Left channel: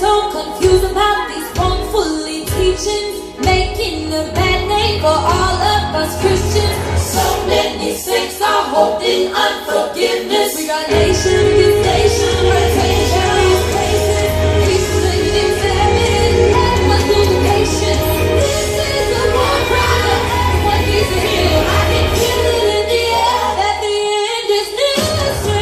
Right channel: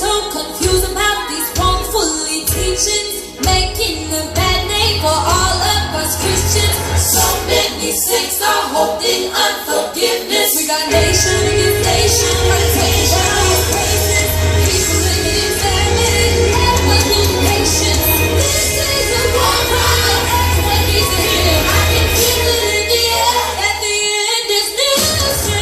so confused about these wrongfully teachings, making a bad name for all of us Christians. So many saints are holding unforgiveness. We got nation against nation, rotation against praises, people living in famine, with patience. This is the war, brother. When he's here, I can feel it in the air. At the end is music.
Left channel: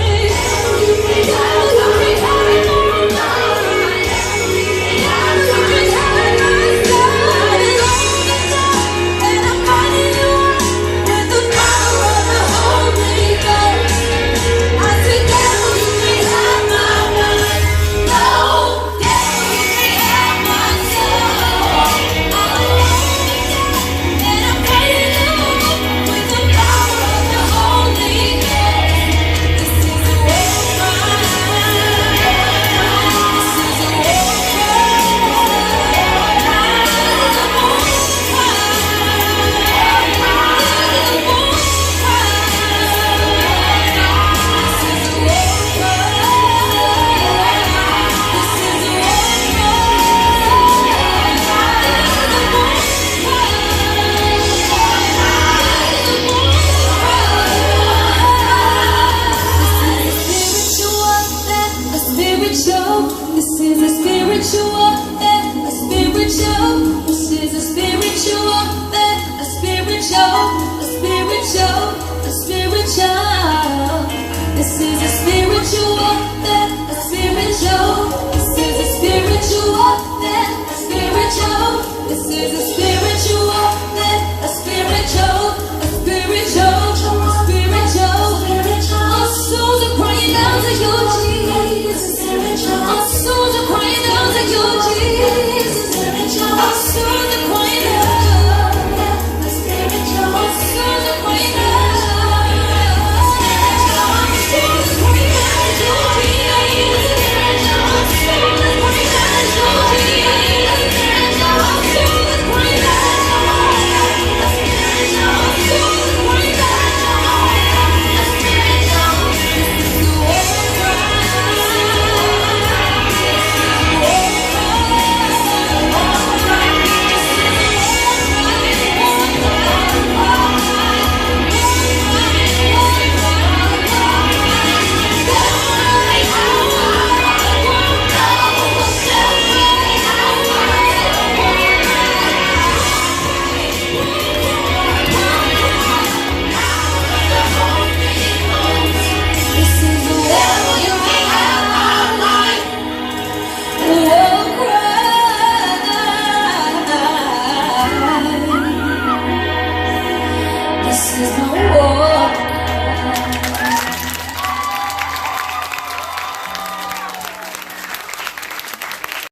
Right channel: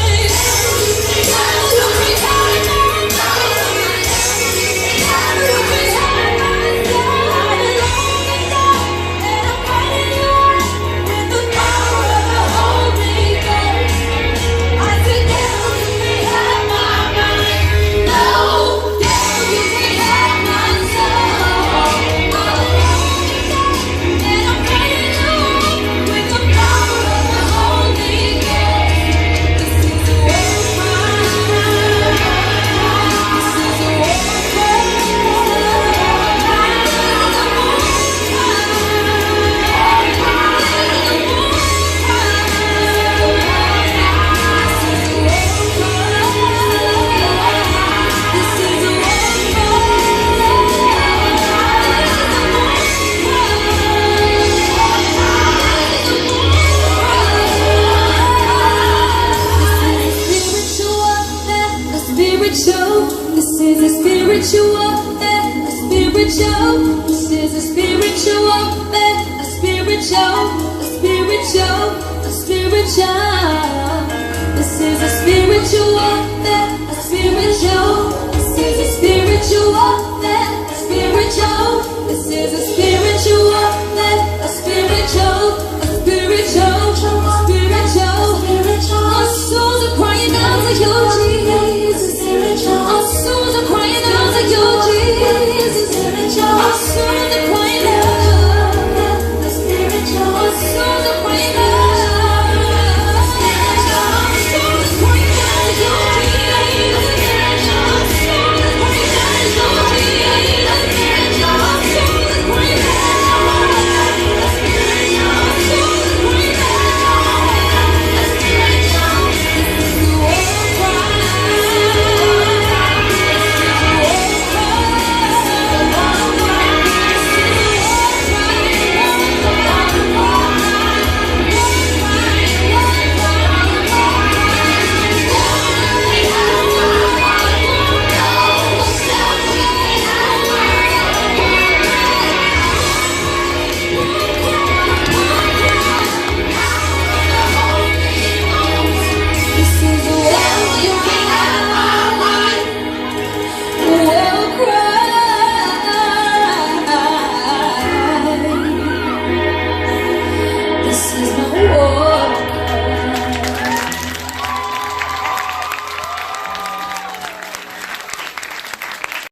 This is a spiritual warfare, a spiritual. This is a spiritual warfare, a spiritual, a spiritual, a spiritual. This is a spiritual warfare, a spiritual.